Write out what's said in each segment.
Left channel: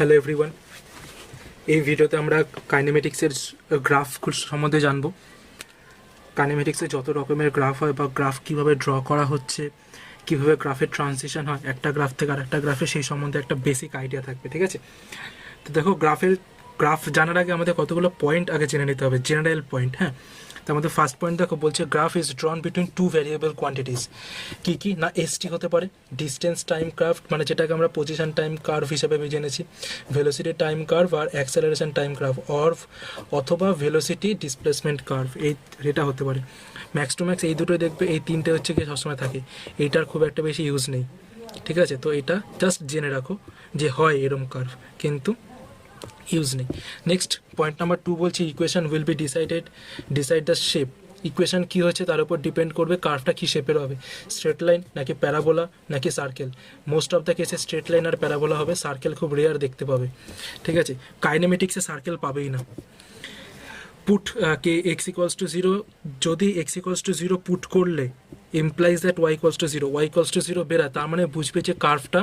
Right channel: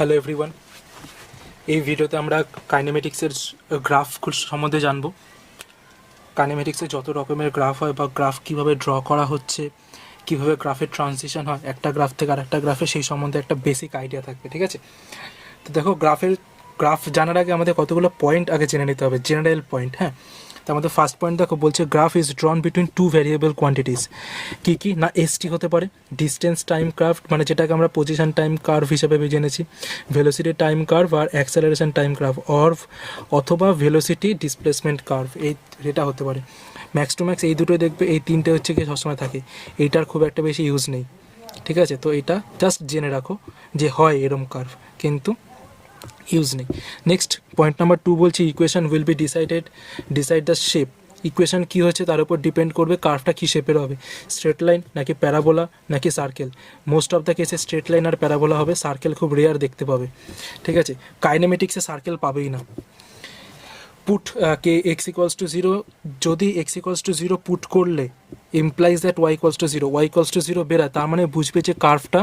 Hello everyone, এই ভিডিওতে আমরা কাইনেমেটিক্সের গ্রাফ সম্বন্ধে জানব। কাইনেমেটিক্সে যত রকমের গ্রাফ হয় বা গ্রাফ কীভাবে ড্র করা হচ্ছে, কীভাবে গ্রাফের ট্রানজিশন হয় একটা গ্রাফ থেকে আরেকটা গ্রাফে, সেই সম্বন্ধে একটা বেসিক আইডিয়া থাকবে। ঠিক আছে, তো দেখো গ্রাফ জানার আগে আমাদের কতগুলো পয়েন্ট আগে জেনে নিতে হবে, জেনারেল পয়েন্ট। হ্যাঁ, তো আমাদের ফার্স্ট পয়েন্ট দেখো বলছে graph is drawn between two variable quantities. কী না, এসটি হতে পারে ডিস্টেন্স টাইম কার্ভ, মানে যেটাকে আমরা পজিশন টাইম কার্ভ হিসেবে জেনেছি, ভেলোসিটি টাইম কার্ভ আর অ্যাক্সেলারেশন টাইম কার্ভ, অথবা ভেলোসিটি ডিসপ্লেসমেন্ট কার্ভ, এটা হতে পারে। ম্যাক্স টু ম্যাক্স এই দুটোই দেখবে, এই তিনটে হচ্ছে কি সবসময় থাকে, এইটার খুব একটা বেশি ইউজ নেই। ঠিক আছে, তো এটা জাস্ট জেনে রাখো যে হয় এরম কার্ভ, কিন্তু ইউজ নেই। নেক্সট পয়েন্ট নাম্বার 2 বলছি equation will be decide the shape. Equation কী হচ্ছে তার উপর ডিপেন্ড করবে কার্ভটা কী শেপের হবে, স্ট্রেট লাইন নাকি প্যারাবোলা নাকি সার্কেল। মোস্ট অফ দ্য কেসে স্ট্রেট লাইন আর প্যারাবোলা হবে, সার্কেল খুব রেয়ার দেখতে পাবে। ঠিক আছে, কাইনেমেটিক্সে সার্কেল পাবেই না। পুট কে এক্স ইকুয়ালস টু 0, যদি এক্স ইকুয়ালস টু 0 পুট করলে implies that y equals to 0, y equals to 0 Bera, তার মানে বুঝবে যে কার্ভটা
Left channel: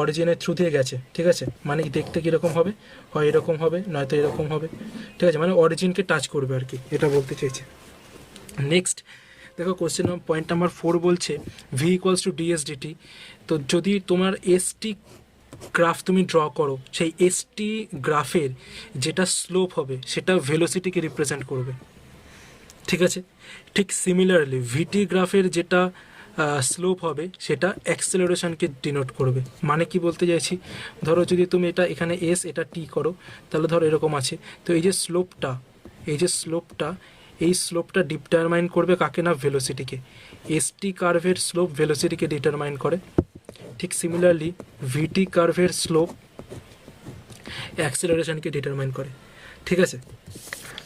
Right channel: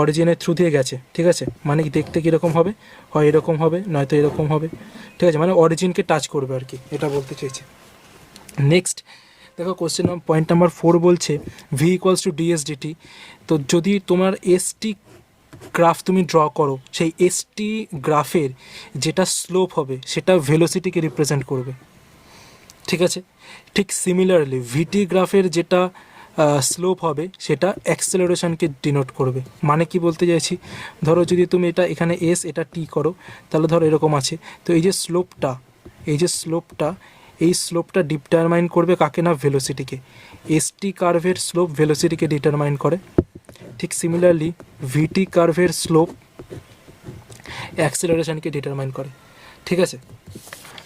অরিজিনের থ্রু দিয়ে গেছে। ঠিক আছে, মানে দেখতে কীরকম হবে, হয় এরকম হবে নয়তো এরকম হবে। ঠিক আছে, মানে অরিজিনকে টাচ করবে আর কি, এটা বলতে চাইছে। নেক্সট দেখো কোশ্চেন পয়েন্ট নাম্বার 4 বলছে v equals to ds dt. তো যদি তোমার এসটি গ্রাফ তুমি ড্র করো, সেই এসটি গ্রাফের যেটা স্লোপ হবে সেটা ভেলোসিটিকে রিপ্রেজেন্ট করবে। ঠিক আছে, ঠিক সিমিলারলি ভিটি গ্রাফের যেটা স্লোপ হবে সেটা অ্যাক্সেলারেশনকে ডিনোট করবে। মানে কি বলতে চাইছি, ধরো যদি তুমি এটা এখানে এস এটা টি করো, তাহলে ধরো এরকম আছে, তো এই যে স্লোপটা ডিটারমাইন করবে কাকে না, ভেলোসিটিকে। এসটি কার্ভের স্লোপ ভেলোসিটিকে ডিটারমাইন করে। ঠিক সিমিলারলি ভিটি কার্ভের স্লোপ অ্যাক্সেলারেশনকে ডিটারমাইন করে। ঠিক আছে,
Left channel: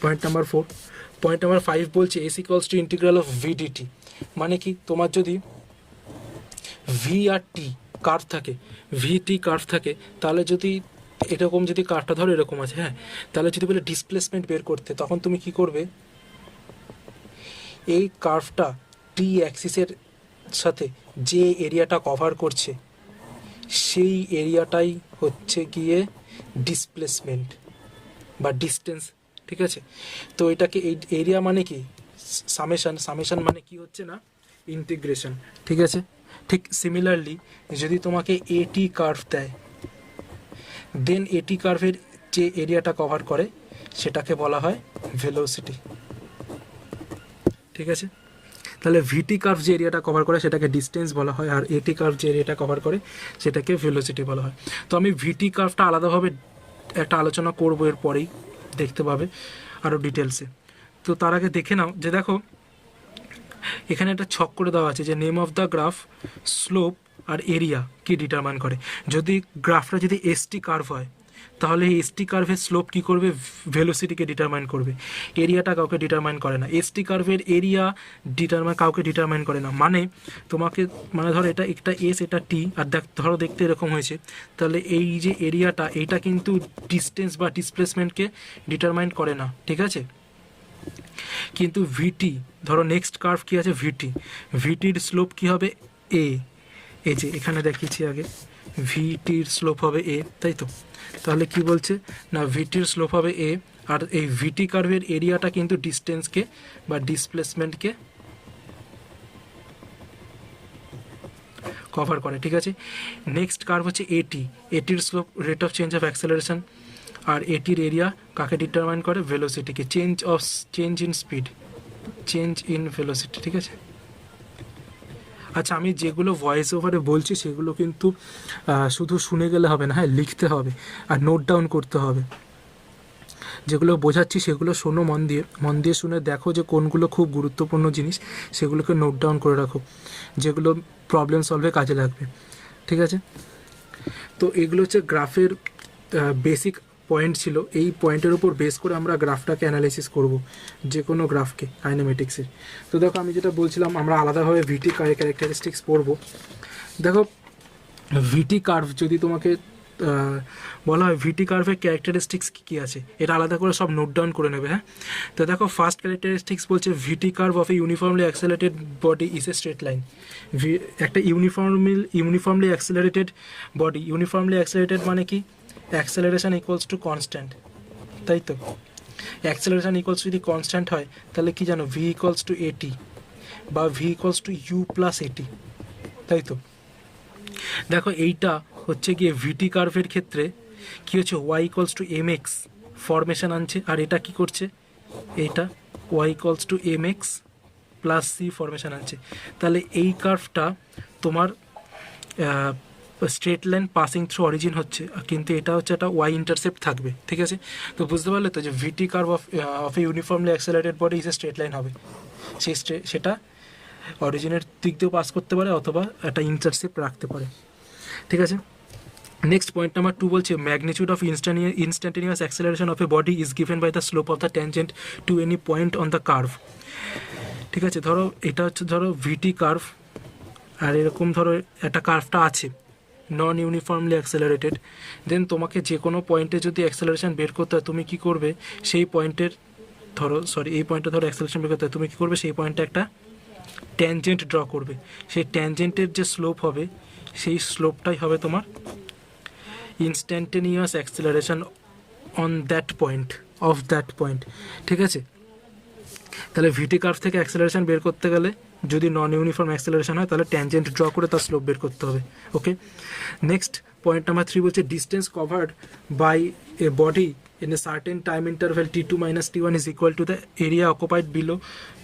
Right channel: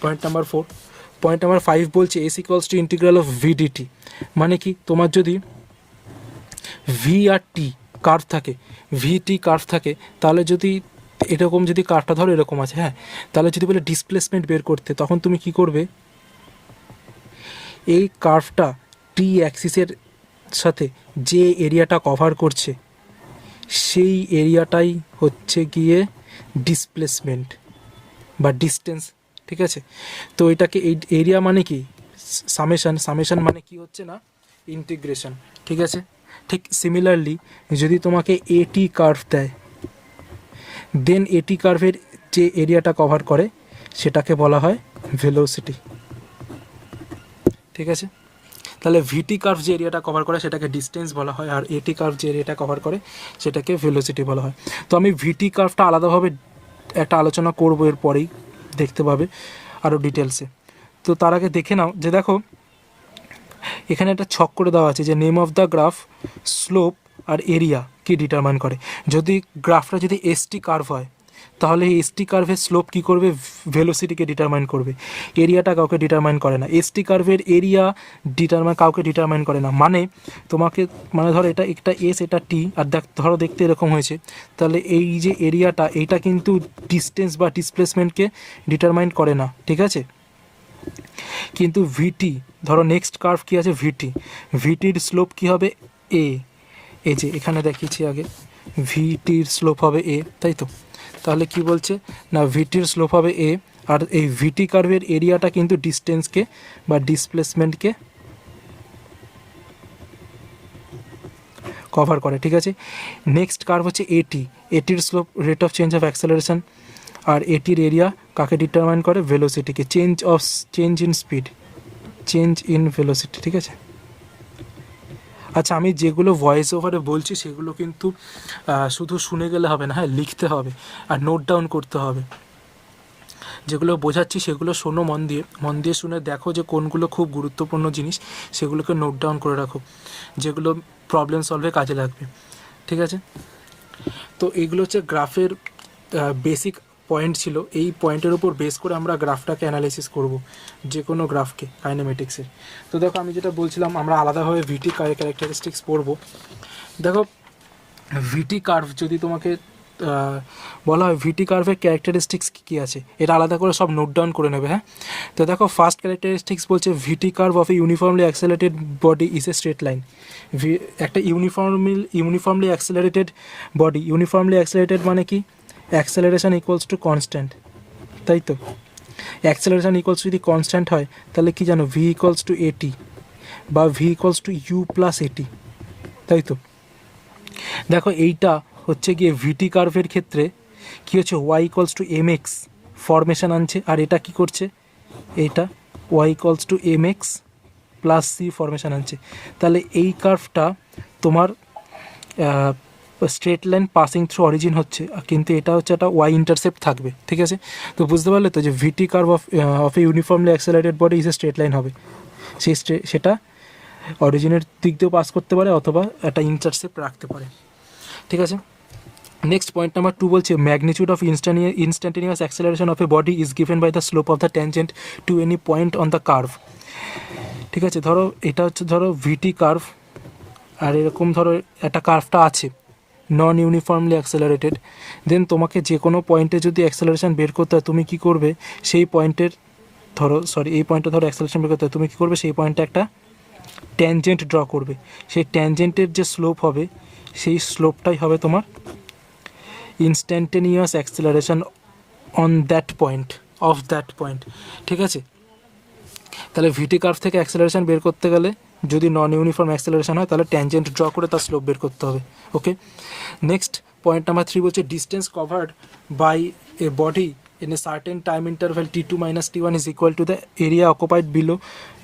পয়েন্ট নাম্বার 4। পয়েন্ট নাম্বার 5 বলছে S equals two integral of VDT. মানে কি, তোমার যদি ভি আর টি কার্ভ থাকে, ভিটি কার্ভ থাকে, তাহলে যদি এরকম যদি কার্ভটা ধরো এরকম আছে, হ্যাঁ, তাহলে যদি বলে ডিসপ্লেসমেন্ট বের করতে, তখন তুমি কি করবে, এই কার্ভটা টি অ্যাক্সিসের সাথে যে এরিয়াটা কভার করছে সেই এরিয়াটাই হচ্ছে গিয়ে ডিসপ্লেসমেন্ট বা ডিস্টেন্স। ঠিক আছে, তো এটাকে এই এরিয়া মানে কি সামেশন মানে কি হচ্ছে না, ইন্টিগ্রেশন। ঠিক আছে, ঠিক সিমিলারলি যদি তোমাকে এটি কার্ভ দেয়, দেন এটি কার্ভের যে এরিয়াটা কভার করে সেটাকে বলা হয় ভেলোসিটি। ঠিক আছে, তাহলে ভিটি কার্ভ যে এরিয়াটা কভার করে সেটাকে ডিস্টেন্স বলা হয়, আর এটি কার্ভ যে এরিয়াটা কভার করে সেটাকে ভেলোসিটি বলা হয়। তো আমি ভিটি কার্ভটা আলাদাভাবে একটা আলোচনা করবো, এর পরেই দেখতে পাবে আরও ডিটেলসে। তো তার আগে দেখে নাও যে দেখো এখানে একটা ছক করে দেওয়া আছে যে name of the graph, slope আর এরিয়া কি ডিটারমাইন করে। যদি গ্রাফটা যদি এসটি কার্ভ হয়, তাহলে এই এসটি কার্ভের স্লোপ কী করবে, ভেলোসিটিকে ডিটারমাইন করবে। এরিয়াটা কাউকে ডিটারমাইন করে না, এসটি কার্ভের এরিয়া কাউকে ডিটারমাইন করে না। মানে তোমাকে, মানে ধরো এটা একটা এস এটা টি, আর ধরো দেখতে এরকম হয়েছে, তাহলে এই যে এরিয়াটা এইটা কিন্তু ডিস্টেন্স বা ডিসপ্লেসমেন্টকে ডিটারমাইন করে না। ঠিক আছে, কিন্তু ভিটি, ধরো নেক্সট কার্ভ কী আছে, ভিটির স্লোপ কী হবে, এই যে এখানে দেখিয়েছি আগে, ভিটির স্লোপ হবে এ, তাই তো। তাহলে কি বলছে না, ভিটির স্লোপ হবে এ, আর এই ভিটি কার্ভের এরিয়াটা কিন্তু ডিস্টেন্সকে বা ডিসপ্লেসমেন্টকে কভার করে। ঠিক আছে, নেক্সট কার্ভ হচ্ছে এটির slope rate of change of acceleration, আর এটির এরিয়া কাকে ডিটারমাইন করে, ভেলোসিটিকে। Change in velocity. ঠিক আছে, আচ্ছা আমি যেগুলো ভয়েস ওভারে বলছি সেগুলো কিন্তু শুধু শুনে গেলে হবে না, হ্যাঁ, লিখতে হবে আর নোট ডাউন করতে হবে। যেগুলো বোঝাচ্ছি সেগুলো শোনো মন দিয়ে শুনে দেখো যে কোনগুলো খুব গুরুত্বপূর্ণ জিনিস, সেগুলোকে নোট ডাউন করে রাখো, যেগুলো প্রবলেম সলভে কাজে লাগবে। ঠিক আছে, তো এগুলো হচ্ছে গ্রাফের বেসিক পয়েন্ট ছিল। এই পয়েন্টের উপর বেস করে আমরা গ্রাফটাকে অ্যানালাইসিস করব, যে কোনো গ্রাফকে কাইনেমেটিক্সের। তো দেখো আমি যেটা বলছিলাম, আমরা আলাদাভাবে ভিটি ক্যারেক্টারিস্টিক্স পড়ব। দেখো ভিটি কার্ভ যদি তোমাকে বলা হয় ভিটি কার্ভের ক্যারেক্টারিস্টিক্স কী কী আছে, এটা আলাদা করে সব নোট ডাউন করে নেবে। হ্যাঁ, তো দেখো ফার্স্ট ক্যারেক্টারিস্টিক্স বলছে V T curve of a uniformly accelerated body is a straight line. একটা uniformly accelerated body, uniformly accelerated মানে কি, অ্যাক্সেলারেশন ইকুয়ালস টু কনস্ট্যান্ট, তাই তো। অ্যাক্সেলারেশন ইকুয়ালস যদি কনস্ট্যান্ট হয় তাহলে কি জানো, ভি ইকুয়ালস টু এটি বা v equals to u plus at, তাই তো। দেখো এইটা হচ্ছে গিয়ে ভিটি কার্ভের ক্ষেত্রে কী হচ্ছে, y equals to m x formation আনছে, আর এটা কি করছে, এইটা y equals to m x plus c formation আনছে। তাহলে এই কার্ভটা তোমার straight line passing through origin হচ্ছে, কিন্তু এটা হচ্ছে একটা ওয়াই ইন্টারসেপ্ট থাকবে, ঠিক আছে। তো বুঝতে পারলে তো যে V T curve of a uniformly accelerated body is a straight line হবে, সেটা অরিজিনের দিক দিয়েও পাস করতে পারে অথবা একটা ইন্টারসেপ্ট রাখতে পারে, ঠিক আছে। নেক্সট পয়েন্ট নাম্বার 2 বলছে magnitude of instantaneous acceleration of a body is given by the slope of the tangent to any point on the curve. ঠিক আছে, ধরো এটা হচ্ছে ধরো ভিটি কার্ভ, আর এরকম ধরো একটা কার্ভটা আছে নন ইউনিফর্মলি অ্যাক্সেলারেটেড, দেন তোমাকে যে কোনো পয়েন্টে যদি অ্যাক্সেলারেশন বের করতে হয় তুমি কী করবে, সেই পয়েন্টের এই পয়েন্টে ধরো অ্যাক্সেলারেশন বের করতে হয় তুমি কী করবে, সেই পয়েন্টে একটা ট্যানজেন্ট ড্র করবে, সেই ট্যানজেন্টের যে স্লোপ হবে সেই স্লোপটাই হবে তোমার instantaneous acceleration on that point, of that point, ঠিক আছে। তাহলে ভিটি কার্ভ থেকে অ্যাক্সেলারেশন বের করতে গেলে যদি নন ইউনিফর্ম অ্যাক্সেলারেশন হয় তাহলে ট্যানজেন্ট ড্র করে তার স্লোপ বের করতে হবে, ওকে। নেক্সট পয়েন্ট নাম্বার 3 বলছে distance covered by a body in a certain time interval t2 minus t1 is equal to the area occupied below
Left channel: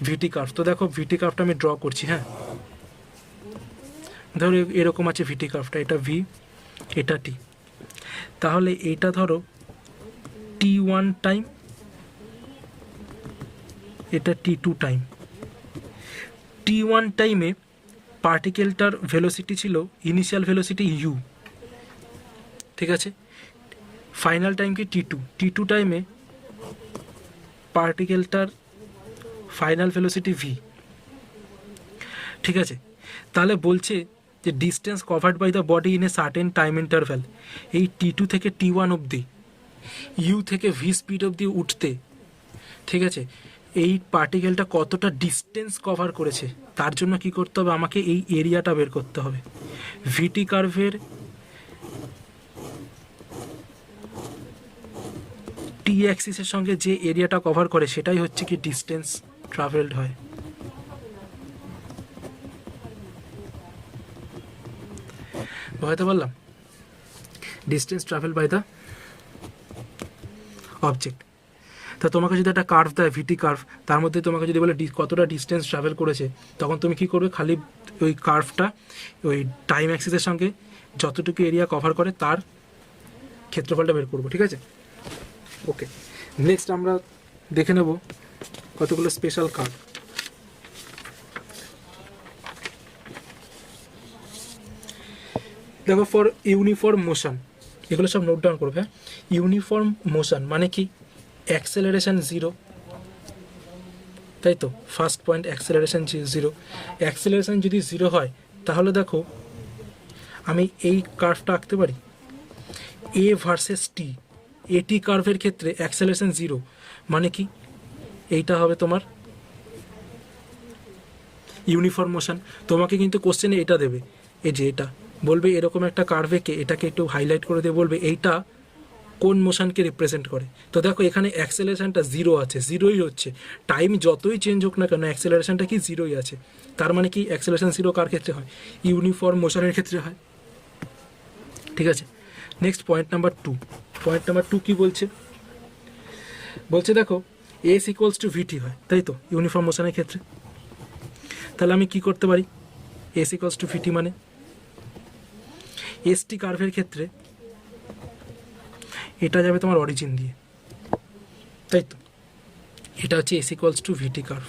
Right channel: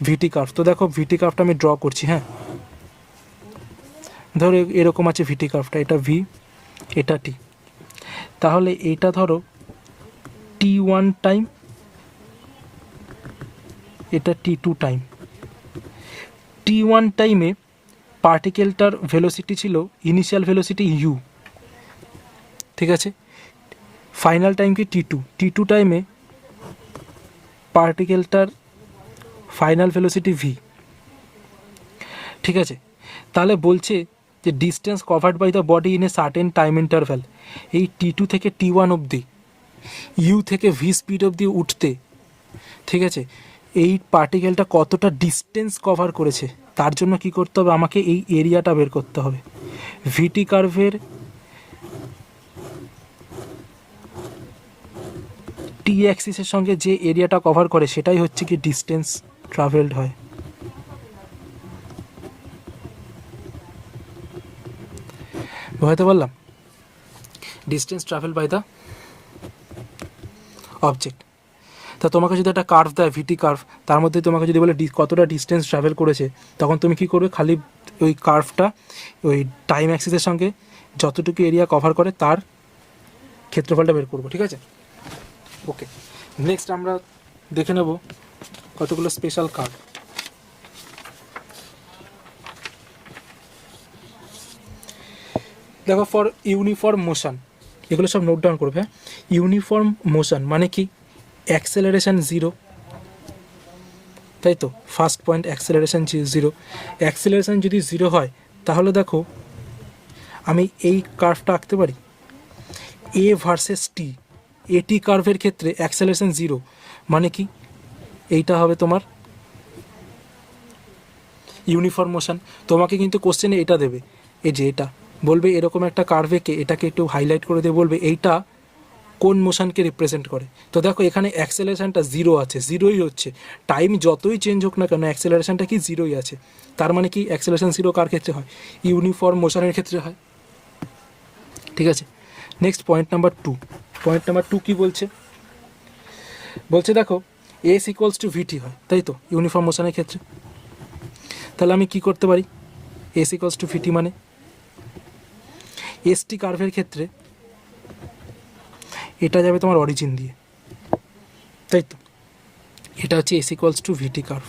vt curve। তো দেখো ভিটি কার্ভটা আমি ড্র করছি, হ্যাঁ, ধরো এরকম আছে ভিটি কার্ভটা, এটা ভি এটা টি, তাহলে এটা ধরো t1 টাইম, এটা t2 টাইম। t1 টাইমে পার্টিকেলটার ভেলোসিটি ছিল ইনিশিয়াল ভেলোসিটি ইউ, ঠিক আছে। ফাইনাল টাইম কি টি টু টাইমে পার্টিকেলটার ফাইনাল ভেলোসিটি ভি, ঠিক আছে। তাহলে বলছে যে distance covered by the body in a certain time interval, এই t2 থেকে t1 অবধি ইউ থেকে ভি স্পিড অবধি উঠতে, ঠিক আছে, এই পার্টিকেলটা কতটা ডিস্টেন্স কভার করেছে তার জন্য কি করতে হবে, আমাকে এই এরিয়াটা বের করতে হবে। ভিটি কার্ভের টি অ্যাক্সিসের সঙ্গে যে এরিয়াটা কভার করে সেটাই হচ্ছে কি ডিস্টেন্স ট্রাভেলড হয়। বুঝতে পারলাম, distance travel by the object. তা তোমাকে যদি একটা কার্ভ দেয় ভিটি কার্ভ, তার মধ্যে তোমাকে যদি বলে কতটা ডিস্টেন্স ট্রাভেল করেছে, তখন তুমি কি করবে, খালি ওই কার্ভটা ওই টাইম অ্যাক্সিসের সঙ্গে যতটুকু এরিয়া কভার করে তার ক্ষেত্রফলটা বের করবো, ঠিক আছে, ওকে। নেক্সট আমরা দেখে নেব কতগুলো স্পেশাল কার্ভ। দেখো ফর ইউনিফর্ম মোশন, এগুলো সব নোট ডাউন করবে। ইউনিফর্ম মোশন মানে কি, অ্যাক্সেলারেশন জিরো, তাই তো। First point acceleration zero, acceleration যদি জিরো হয় তাহলে দেখো আমি এই কার্ভটা আঁকতে পারি এ ভার্সেস টি, এটি কার্ভের ক্ষেত্রে অ্যাক্সেলারেশন জিরো মানে কি, এইটা হবে তোমার ইউনিফর্ম মোশন। তোমাকে কিন্তু কোশ্চেনে এটা দেবে, এই যে এটা বলবে এরকম একটা কার্ভেকে এটাকে একটু হাইলাইট করে দিয়ে বলবে এইটা কোন মোশনকে রিপ্রেজেন্ট করে। তো দেখো এখানে অ্যাক্সেলারেশনটা জিরো আছে, জিরোই হচ্ছে, টাইম যতই চেঞ্জ হোক না কেন অ্যাক্সেলারেশনটা কি জিরোই আছে। তার মানে কি অ্যাক্সেলারেশন জিরো কার ক্ষেত্রে হয়, ইউনিফর্ম মোশনের ক্ষেত্রে হয়, ঠিক আছে। Next point number 2, point number 2 কি বলছে, বলছে দেখো এস ইকুয়ালস টু ভিটি হয়, তাই তো, ইউনিফর্ম মোশনের ক্ষেত্রে। তাহলে আমি কি করতে পারি, এস ইকুয়ালস টু ভিটি মানে এসটি কার্ভের ক্ষেত্রে এটা যাবে তোমার অরিজিন দিয়ে, তাই তো, এটা হচ্ছে s equals to vt curve.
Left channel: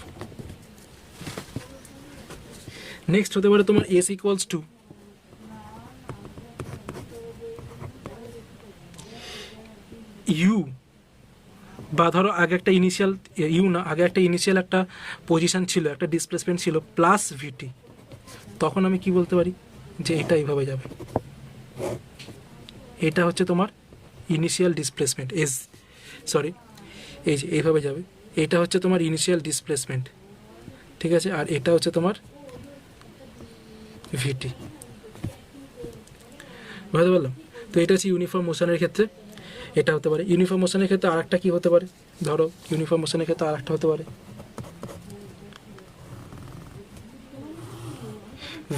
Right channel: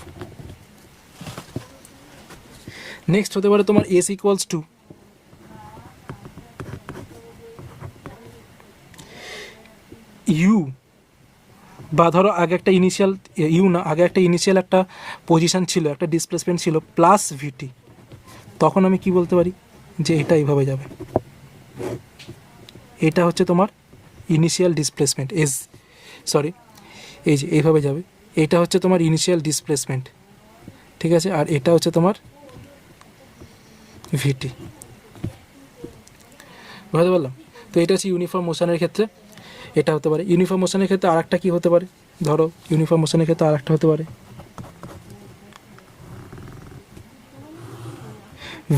Next হতে পারে তোমার এস ইকুয়ালস টু ইউ, বা ধরো আগে একটা ইনিশিয়াল ইউ না, আগে একটা ইনিশিয়াল একটা পজিশন ছিল, একটা ডিসপ্লেসমেন্ট ছিল প্লাস ভিটি, তখন আমি কি বলতে পারি যে এটা এইভাবে যাবে, এটা হচ্ছে তোমার ইনিশিয়াল ডিসপ্লেসমেন্ট এই যে এইভাবে যাবে, এটা হচ্ছে তোমার ইনিশিয়াল ডিসপ্লেসমেন্ট, ঠিক আছে, আর এটা হচ্ছে তোমার ভিটি। বুঝতে পারলাম? তো এটা হচ্ছে ইউনিফর্ম মোশনের ক্ষেত্রে এটা হতে পারে। ইউনিফর্ম মোশনের ক্ষেত্রে আরেকটা কী হতে পারে, ধরো ইউনিফর্ম মোশনের ক্ষেত্রে আরেকটা হতে পারে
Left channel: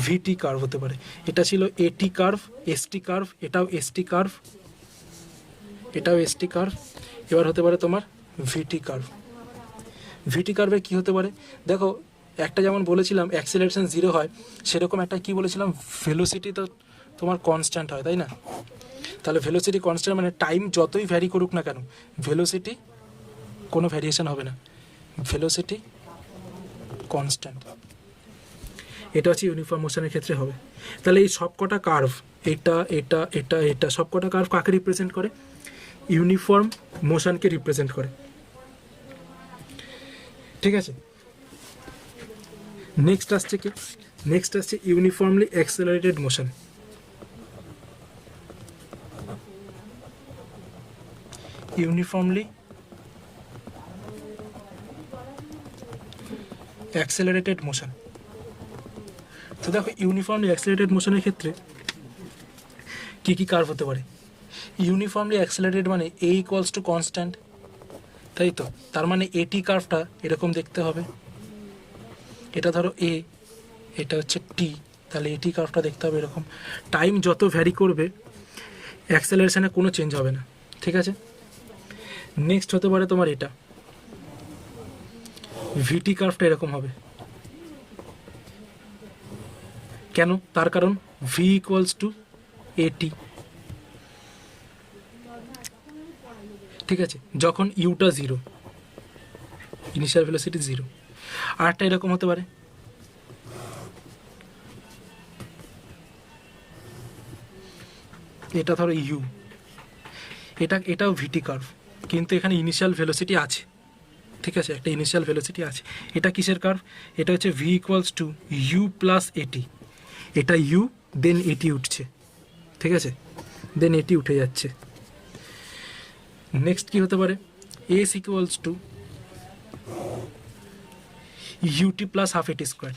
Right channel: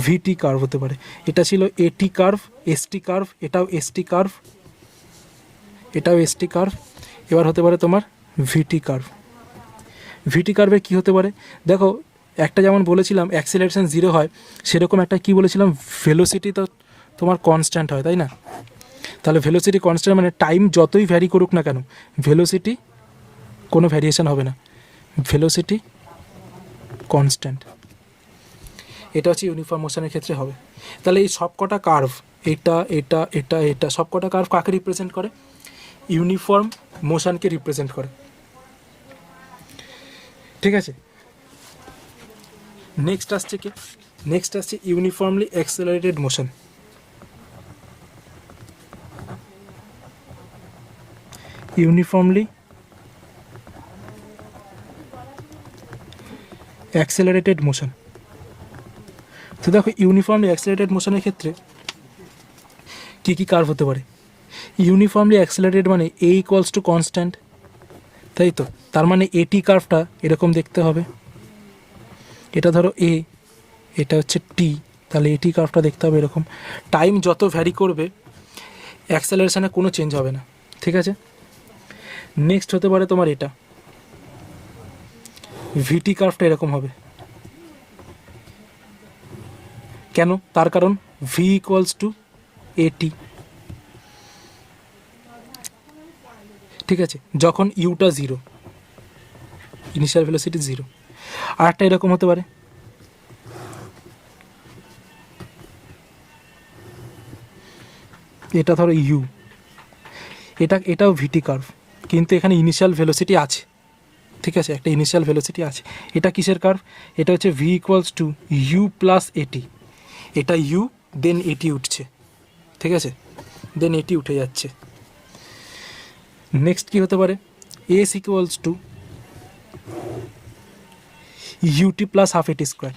ভিটি কার্ভ হতে পারে। এটা ছিল এটি কার্ভ, এসটি কার্ভ, এটাও এসটি কার্ভ, এটাও এসটি কার্ভ। এবার হতে পারে তোমার ভিটি কার্ভ। ভিটি কার্ভের কী হতে পারে, দেখো একটা যেমন বলেছিলাম অ্যাক্সেলারেশন 0 হয়, সেরকম একটা কি বলেছিলাম, ভেলোসিটি তো তোমার কনস্ট্যান্ট হয়, তাই না? তাহলে ভেলোসিটি কনস্ট্যান্ট মানে টাইম যতই ভ্যারি করুক না কেন, ভেলোসিটি কোনো ভ্যারিয়েশন হবে না, ভেলোসিটি কনস্ট্যান্ট। এটা হচ্ছে ইউনিফর্ম মোশনের ক্ষেত্রে হবে। তাহলে এই সবকটা কার্ভ, এটা এটা এটা এটা সবকটা কার্ভ কাকে রিপ্রেজেন্ট করে? ইউনিফর্ম মোশনকে রিপ্রেজেন্ট করে, ঠিক আছে। নেক্সট আসছে কি, নেক্সট আসছে uniformly accelerated motion. Uniformly accelerated motion. তো দেখো ইউনিফর্মলি অ্যাক্সেলারেটেড মোশনের ক্ষেত্রে কী কী কার্ভ হতে পারে? ইউনিফর্মলি অ্যাক্সেলারেটেড মানে এ ইকুয়ালস টু কনস্ট্যান্ট, তাই তো, তার মানে এটি কার্ভটা এরকম দেখতে হবে। এটা ধরো এ, এটা হচ্ছে টি, তাহলে এটি কার্ভটা দেখতে হবে এরকম। টাইম যত ভ্যারি করবে অ্যাক্সেলারেশনে কোনো চেঞ্জ হবে না, ঠিক আছে। নেক্সট হতে পারে তোমার এটা ভিটি কার্ভটা এরকম হবে। কেন? তার কারণ ভি ইকুয়ালস টু এটি, ঠিক আছে, যখন ইউটা 0, ইনিশিয়াল ভেলোসিটি 0। আর একটা এরকম হতে পারে, এটা ধরো ইউ, এটাও ভিটি কার্ভ, কিন্তু এখানে ইনিশিয়াল ভেলোসিটি আছে, ঠিক আছে, একটা ইনিশিয়াল ভেলোসিটি আছে। এটা কিসের কার্ভ? এটা হচ্ছে v equals to u plus at. এটা ইউ, দেন এটি উঠছে, ঠিক আছে, দেন এটি উঠে যাচ্ছে। নেক্সট কি হতে পারে? S equals to ut plus half at square,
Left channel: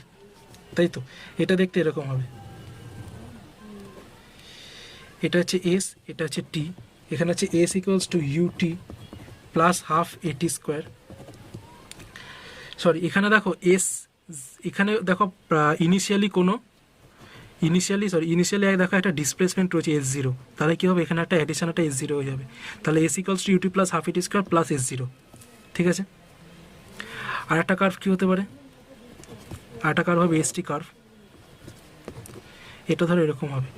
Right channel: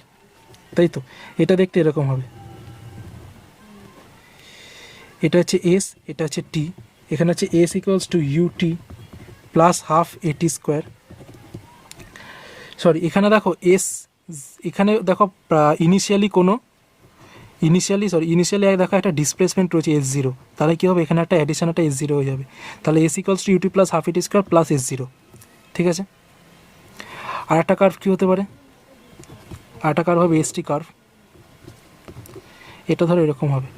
তাই তো, এটা দেখতে এরকম হবে। এটা হচ্ছে এস, এটা হচ্ছে টি, এখানে হচ্ছে s equals to ut plus half at square. Sorry, এখানে দেখো এস, এখানে দেখো ইনিশিয়ালি দেখো একটা ডিসপ্লেসমেন্ট রয়েছে S0, তাহলে কী হবে, এখানে একটা অ্যাডিশন, একটা S0 হয়ে যাবে, তাহলে s equals to ut plus half at square plus S0, ঠিক আছে। আর একটা কার্ভ কী হতে পারে? আর একটা কার্ভ হবে এসটি কার্ভ, এটা ধরো এরকম হবে।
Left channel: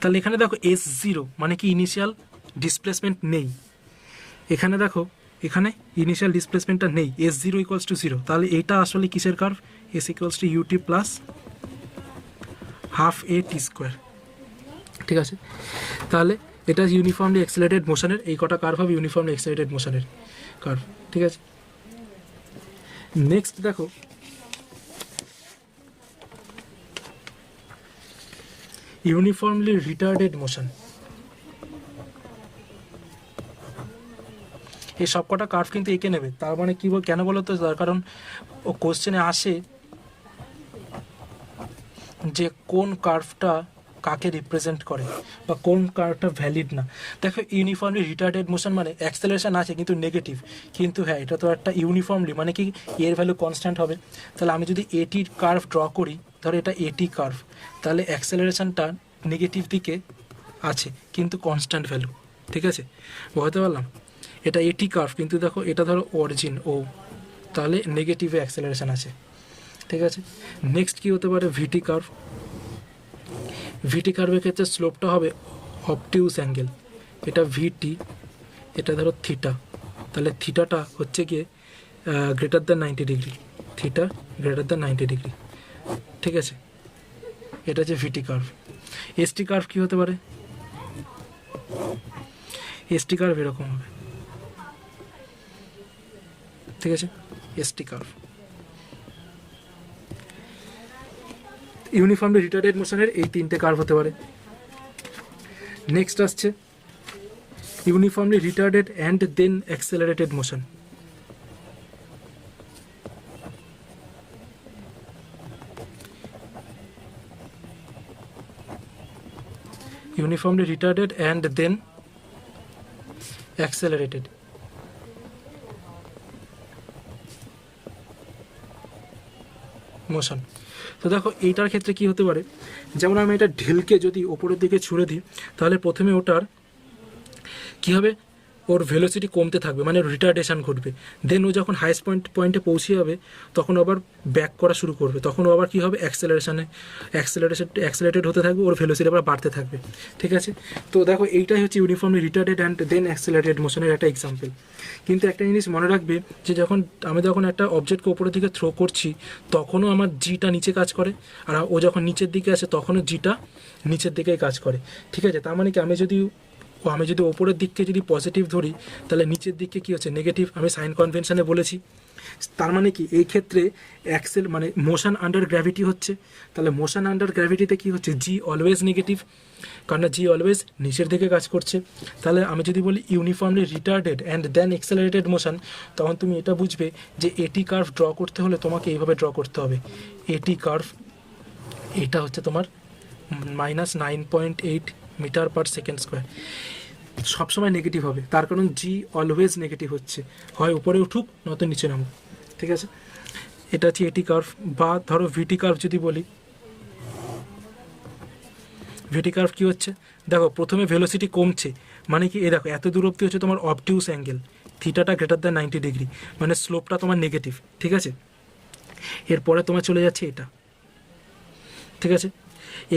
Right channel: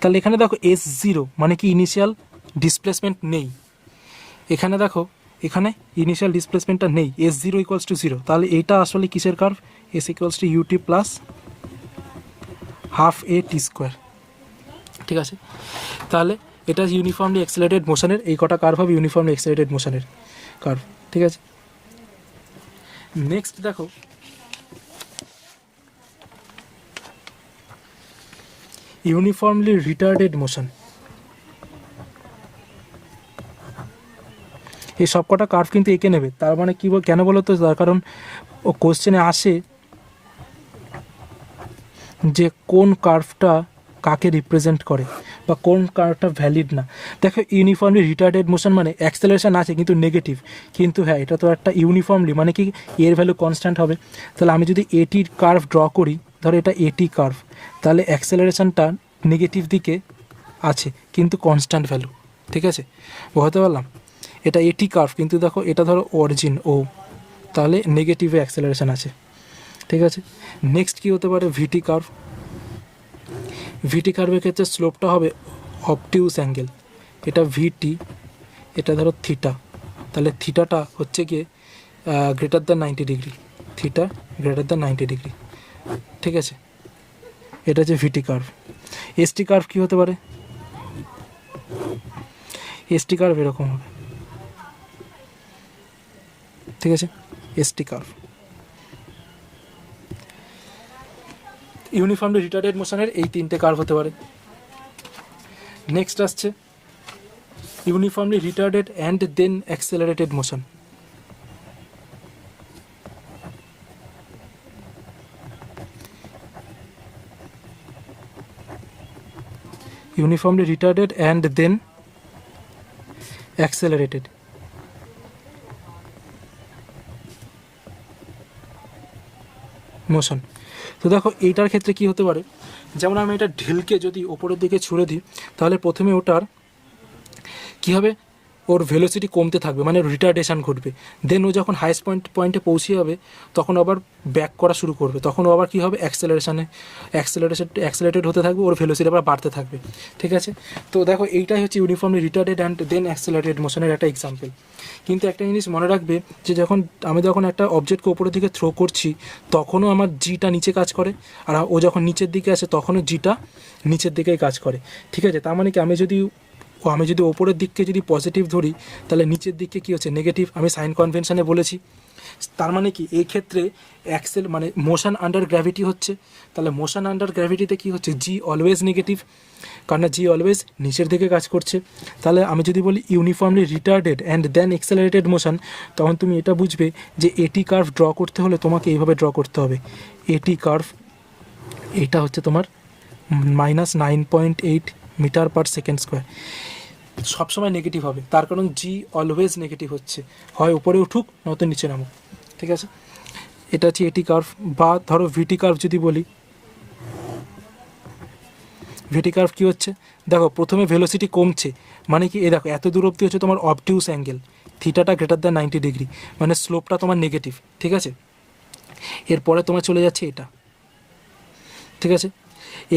তাহলে এখানে দেখো S0 মানে কি ইনিশিয়াল ডিসপ্লেসমেন্ট নেই, এখানে দেখো এখানে ইনিশিয়াল ডিসপ্লেসমেন্টটা নেই, S0 ইকুয়ালস টু 0, তাহলে এটা আসলে কিসের curve? S equals to ut plus half a t square, ঠিক আছে। তাহলে এটা ইউনিফর্মলি অ্যাক্সেলারেটেড মোশনের এই কটা কার্ভ হবে ইউনিফর্মলি অ্যাক্সেলারেটেড মোশনের কার্ভ, ঠিক আছে। নেক্সট দেখো ইউনিফর্মলি রিটার্ডেড মোশন। এই সবকটা কার্ভ কিন্তু এঁকে নেবে, তার মানে কি কেন বলো তো, তার কারণ ও কোশ্চেনে আসে যে কোন কার্ভটা কাকে রিপ্রেজেন্ট করে বা কোন কার্ভটা ভ্যালিড না। দেখো ইউনিফর্মলি রিটার্ডেড মোশন মানে অ্যাক্সেলারেশন আছে কিন্তু নেগেটিভ, কিন্তু হ্যাঁ এটা তো একটা ইউনিফর্মলি মানে কি এর ভ্যালু কনস্ট্যান্ট হবে। তাহলে আমি যদি এটির কার্ভ ড্র করি, ধরো এটা এটি কার্ভ, তাহলে অ্যাক্সেলারেশনটা নেগেটিভ দিকে আছে কিন্তু কনস্ট্যান্ট ভ্যালু, ঠিক আছে, বোঝাতে পারলাম। এটা এটি কার্ভ, কিন্তু দেখো এটা ধরো অরিজিন ও, তাহলে নেগেটিভে অ্যাক্সেলারেশন আছে, ঠিক আছে। নেক্সট কী হতে পারে? ভিটি কার্ভ। ভিটি কার্ভের ক্ষেত্রে স্লোপটা হবে অবটিউস অ্যাঙ্গেল, এটা ভিটি, এটা ধরো থিটা, তাহলে থিটাটা হচ্ছে গিয়ে greater than 90 degree, theta greater than 90 degree, ঠিক আছে, এটা হচ্ছে ভিটি কার্ভ। এসটি কার্ভ কী হতে পারে? এসটি কার্ভ এরকম হবে, ঠিক আছে, এসটি কার্ভ। ইউনিফর্মলি রিটার্ডেড মোশনের এই তিনটে কার্ভ হতে পারে। নেক্সট আসছে uniformly retarded and then accelerated motion. Uniformly retarded and then accelerated motion. তো দেখো এইটার ক্ষেত্রে কি হতে পারে, যেমন আমি এটা ঢিলকে যদি ওপরের দিকে ছুঁড়ে দিই তাহলে প্রথমে ওটার কী হবে, ওর ভেলোসিটি কমতে থাকবে, মানে রিটার্ডেশন ঘটবে। দেন ও যখন হাইয়েস্ট পয়েন্টে পৌঁছে যাবে তখন আবার ব্যাক করা শুরু করবে, তখন ও আবার কী হবে, অ্যাক্সেলারেটেড হতে থাকবে, ওর ভেলোসিটি আবার বাড়তে থাকবে। ঠিক আছে, তো দেখো এইটাই হচ্ছে uniformly retarded and then accelerated মোশনের একটা এক্সাম্পল। কিন্তু একটা জিনিস মনে রাখবে যে আমি যখন একটা অবজেক্টকে উপরের দিকে থ্রো করছি তখনও আমার জিটা নিচে কাজ করে, আর ও যখন নিচের দিকে আসে তখনও জিটা নিচের দিকেই কাজ করে। ঠিক আছে, তার মানে কি আমি যদি ওপরের দিককে যদি পজিটিভ ধরি তাহলে নিচের দিককে কী হচ্ছে, নেগেটিভ। আমি সাইন কনভেনশনে বলেছি। তার মানে কি এই ক্ষেত্রে মানে মোশন আন্ডার গ্র্যাভিটি হচ্ছে, তাহলে মোশন আন্ডার গ্র্যাভিটিতে কী হচ্ছে, জি অলওয়েজ নেগেটিভ, কারণ জি অলওয়েজ নিচের দিকে কাজ করছে। তাহলে আমি যদি বলি uniformly retarded and then accelerated motion, তখন তুমি এটা বুঝবে যে এটি কার্ভ ড্র করতে হলে তোমাকে এইভাবে ড্র করতে হবে। এটি কার্ভ, এটা হচ্ছে তোমার -9.8 মিটার পার সেকেন্ড স্কোয়ার, সবসময় নেগেটিভ হবে, তার কারণ জি অলওয়েজ নেগেটিভ হচ্ছে, হয় উপরে উঠুক নয়তো নিচে নামুক। ঠিক আছে, এটা হচ্ছে এটি কার্ভ। বা ধরো ভিটি কার্ভ যদি বলি, ভিটি কার্ভ কী হচ্ছে, দেখো প্রথমে ভেলোসিটি কমছে, মানে কি এই দেখো এত দূর অবধি হচ্ছে তোমার অবটিউস অ্যাঙ্গেল, থিটাটা গ্রেটার দ্যান 90 ডিগ্রি, মানে স্লোপটা তোমার নেগেটিভ। ঠিক আছে, এরপরে তোমার চলে যাচ্ছে এটা। ঠিক আছে,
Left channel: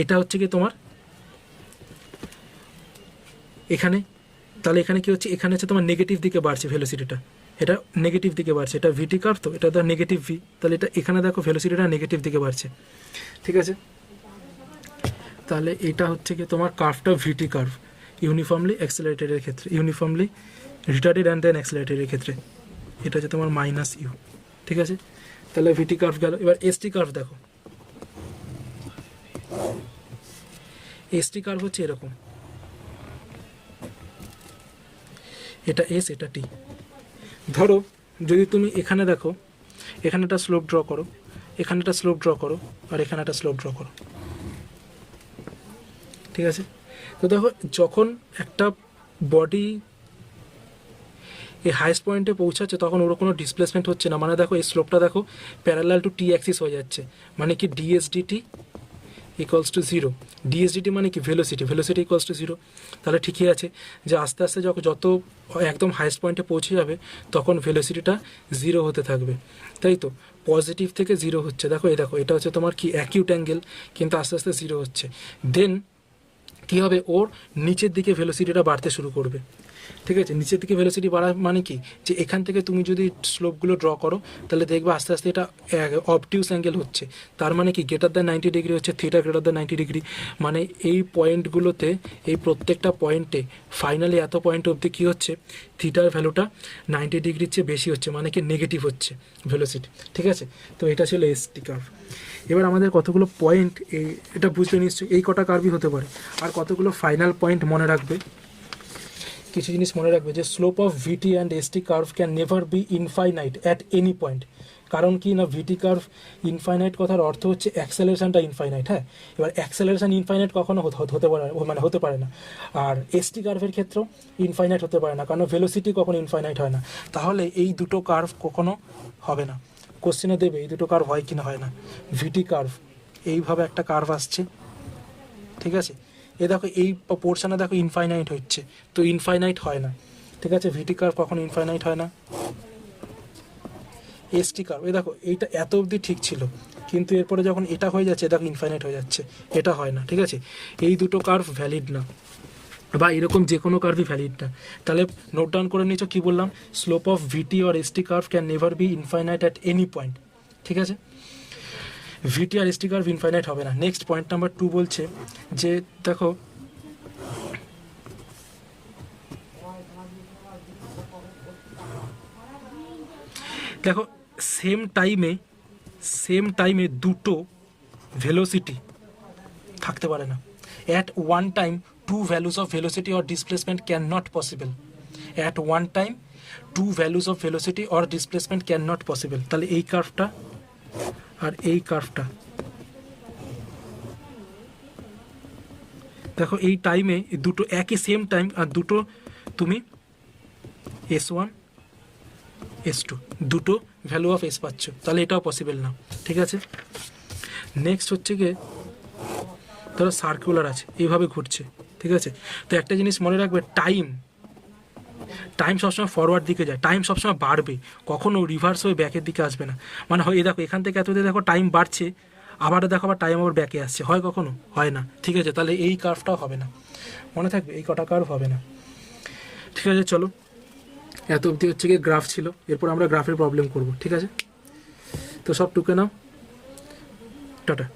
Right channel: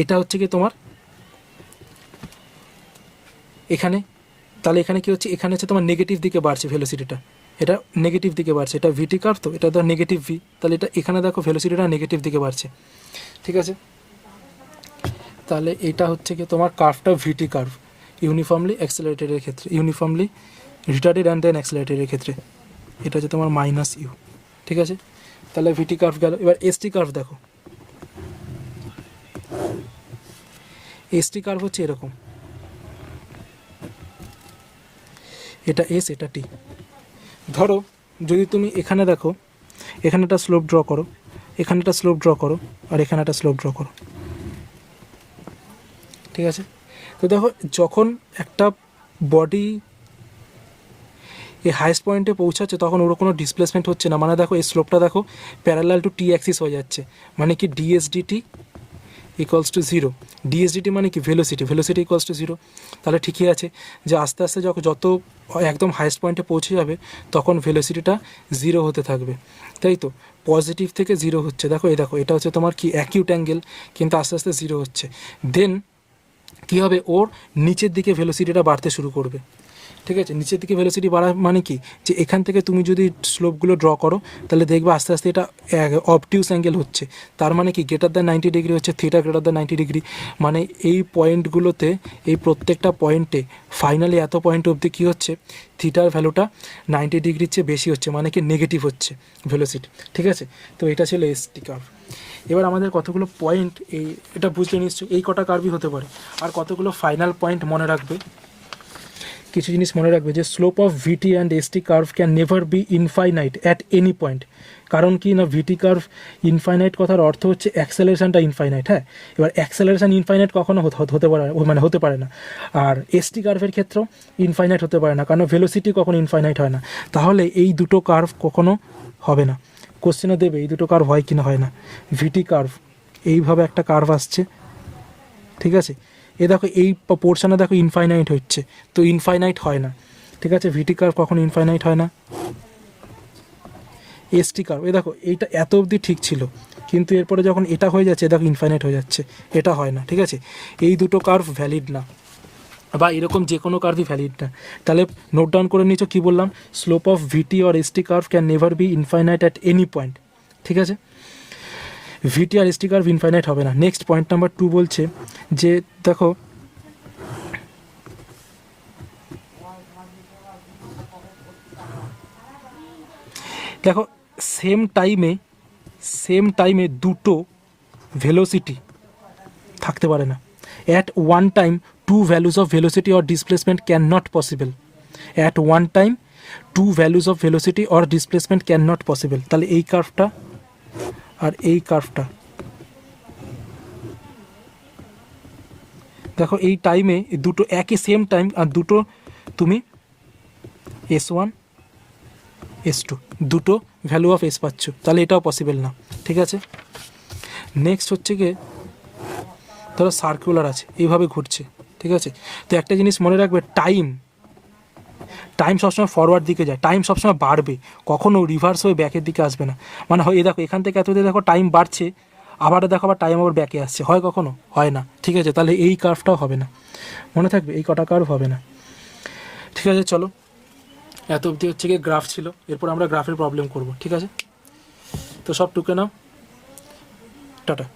এটা হচ্ছে কি তোমার এখানে, তাহলে এখানে কি হচ্ছে, এখানে হচ্ছে তোমার নেগেটিভ দিকে বাড়ছে ভেলোসিটিটা, এটা নেগেটিভ দিকে বাড়ছে, এটা ভিটি কার্ভ, তো এটা ধর নেগেটিভ ভি, তাহলে এটা এখানে দেখো ভেলোসিটিটা নেগেটিভ দিকে বাড়ছে। ঠিক আছে, তাহলে এটা হচ্ছে কি তোমার কার্ভটা ভিটি কার্ভ ইউনিফর্মলি অ্যাক্সেলারেটেডের ক্ষেত্রে, ইউনিফর্মলি রিটার্ডেড অ্যান্ড দেন অ্যাক্সেলারেটেডের ক্ষেত্রে এটা হচ্ছে তোমার -u। ঠিক আছে, তাহলে ভিটি কার্ভ গেল। এবার এসটি কার্ভ দেখো, এসটি কার্ভ হচ্ছে এরকম, এটা এস, এটা টি। ধরো যদি তুমি এখানে দেখো, এখানে একটা স্লোপ ড্র করো, এখানে একটা স্লোপ ড্র করো, আর এখানে একটা স্লোপ ড্র করো। ঠিক আছে, তো দেখো যখন একটা বডি এই হাইস্ট পয়েন্টে পৌঁছাচ্ছে তখন ওর কোনো ডিসপ্লেসমেন্ট হচ্ছে না, মানে দেখো এই স্লোপটা দেখো প্যারালাল টু টি অ্যাক্সিস হয়ে যাচ্ছে, মানে কি ডিএসডিটি ইকুয়ালস টু 0। ডিএসডিটি মানে কি ভেলোসিটি ইকুয়ালস টু 0। তাহলে ঠিকই আছে যে আস্তে আস্তে যত একদম হাইস্ট পয়েন্টে পৌঁছে যাবে তখন ভেলোসিটিটা 0 হতে থাকবে, তাই তো, পজিটিভ থেকে 0 হচ্ছে। দেখো এটা হচ্ছে তোমার কি অ্যাকিউট অ্যাঙ্গেল, কিন্তু আস্তে আস্তে 0 হচ্ছে। দেন কী হবে, ওর নিচের দিকে ভেলোসিটিটা বাড়তে শুরু করবে। ঠিক আছে, নিচের দিকে ভেলোসিটি বাড়া মানে কি, যে এখান থেকে তুমি যদি স্লোপগুলো ড্র করো তাহলে দেখবে আস্তে আস্তে এটা অবটিউস অ্যাঙ্গেল হচ্ছে, তার মানে কি গ্রেটার দ্যান 90 ডিগ্রি হচ্ছে, থিটা গ্রেটার দ্যান 90 ডিগ্রি, মানে এই পয়েন্টগুলোতে, এই প্রত্যেকটা পয়েন্টে ফাইনালি এত পয়েন্ট অবধি কী হচ্ছে, থিটার ভ্যালুটা 90 ডিগ্রির চেয়ে বেশি হচ্ছে, মানে কি নেগেটিভ হচ্ছে ভেলোসিটি। ঠিক আছে, তো এটা ছিল এসটি কার্ভ। এবার আমাদের কতগুলো পয়েন্ট এটা বুঝতে নিশ্চয়ই, এই কটা কার্ভই হতে পারে, আর কতগুলো ফাইনাল পয়েন্ট মনে রাখবে। কিছু জিনিস মনে রাখবে যে slope of vt and st curve can never be infinite at any point. কারণ কি না, ভিটি কার্ভ ইনফাইনাইট কথার অর্থ হচ্ছে অ্যাক্সেলারেশনটা ইনফাইনাইট। হ্যাঁ, এবার অ্যাক্সেলারেশন ইনফাইনাইট কখনো হতে পারে না, আর এসটি কার্ভের ক্ষেত্রেও ইনফাইনাইট হতে পারে না, কারণ ভেলোসিটি কখনো ইনফাইনাইট হয় না। তাহলে এই দুটো কার্ভ কখনো হবে না। কোশ্চেনে দেবে এই দুটো কার্ভ হয় কি না হয় না। ভিটি কার্ভ এইভাবে একটা কার্ভ আসছে, ঠিক আছে, দেখো এই পোর্শনে দেখো ইনফাইনাইট হচ্ছে, তো ইনফাইনাইট হয় না। ঠিক আছে, ভিটি কার্ভ কখনো ইনফাইনাইট হয় না। এসটি কার্ভ দেখো এইটা এত অবধি ঠিক ছিল, কিন্তু এরপরে যখন এটা হয়ে যাচ্ছে দেখো ইনফাইনাইট হয়ে যাচ্ছে, এটা হয় না। ঠিক আছে, এই দুটো কার্ভ ভ্যালিড না, বা এরকম যে কোনো কার্ভই ভ্যালিড না। তাহলে নোট ডাউন করে নিচ্ছ কী বললাম, slope of vt or st curve can never be infinite at any point. ঠিক আছে, ভিটি আর এসটি কার্ভ ইনফাইনাইট হবে না। নেক্সট পয়েন্ট নাম্বার 2 বলছে যে দেখো সেম টাইমে দুটো ভেলোসিটি থাকতে পারে না। At one time two values of velocity or displacement cannot possible. At one time two values of velocity or displacement cannot possible. তাহলে এই কার্ভটা আর এই কার্ভটা দেখো, এই টাইমে দুটো একই সেম টাইম, আর দুটো তুমি S1 S2 দুটো ভ্যালু অফ এস পাচ্ছ, তাহলে এটাও পসিবল না। ঠিক আছে, নেক্সট হচ্ছে গিয়ে ধরো সার্কুলার আছে, এইভাবে ঘুরছে। ঠিক আছে, তো একটা জিনিস মনে রাখবে, টাইম সবসময় ফরওয়ার্ড দিকে যায়, টাইম সবসময় বাড়বে, কখনো রিভার্স হয়ে ব্যাকের দিকে আসবে না। মানে হয় এই দেখো এখান থেকে এত দেখো টাইম বাড়ছে, আবার দেখো আবার টাইম আবার ব্যাকে আসছে, হয় কখনো? হয় না। ঠিক আছে, তাহলে এই কার্ভটাও হবে না, মনে থাকবে এই কটা কার্ভ হবে না। ঠিক আছে, চলো এত অবধি হচ্ছে গিয়ে গ্রাফ ছিল, এরপর আমরা গ্রাফের প্রবলেম করব। ঠিক আছে, তো সব টুকে নাও, টাটা।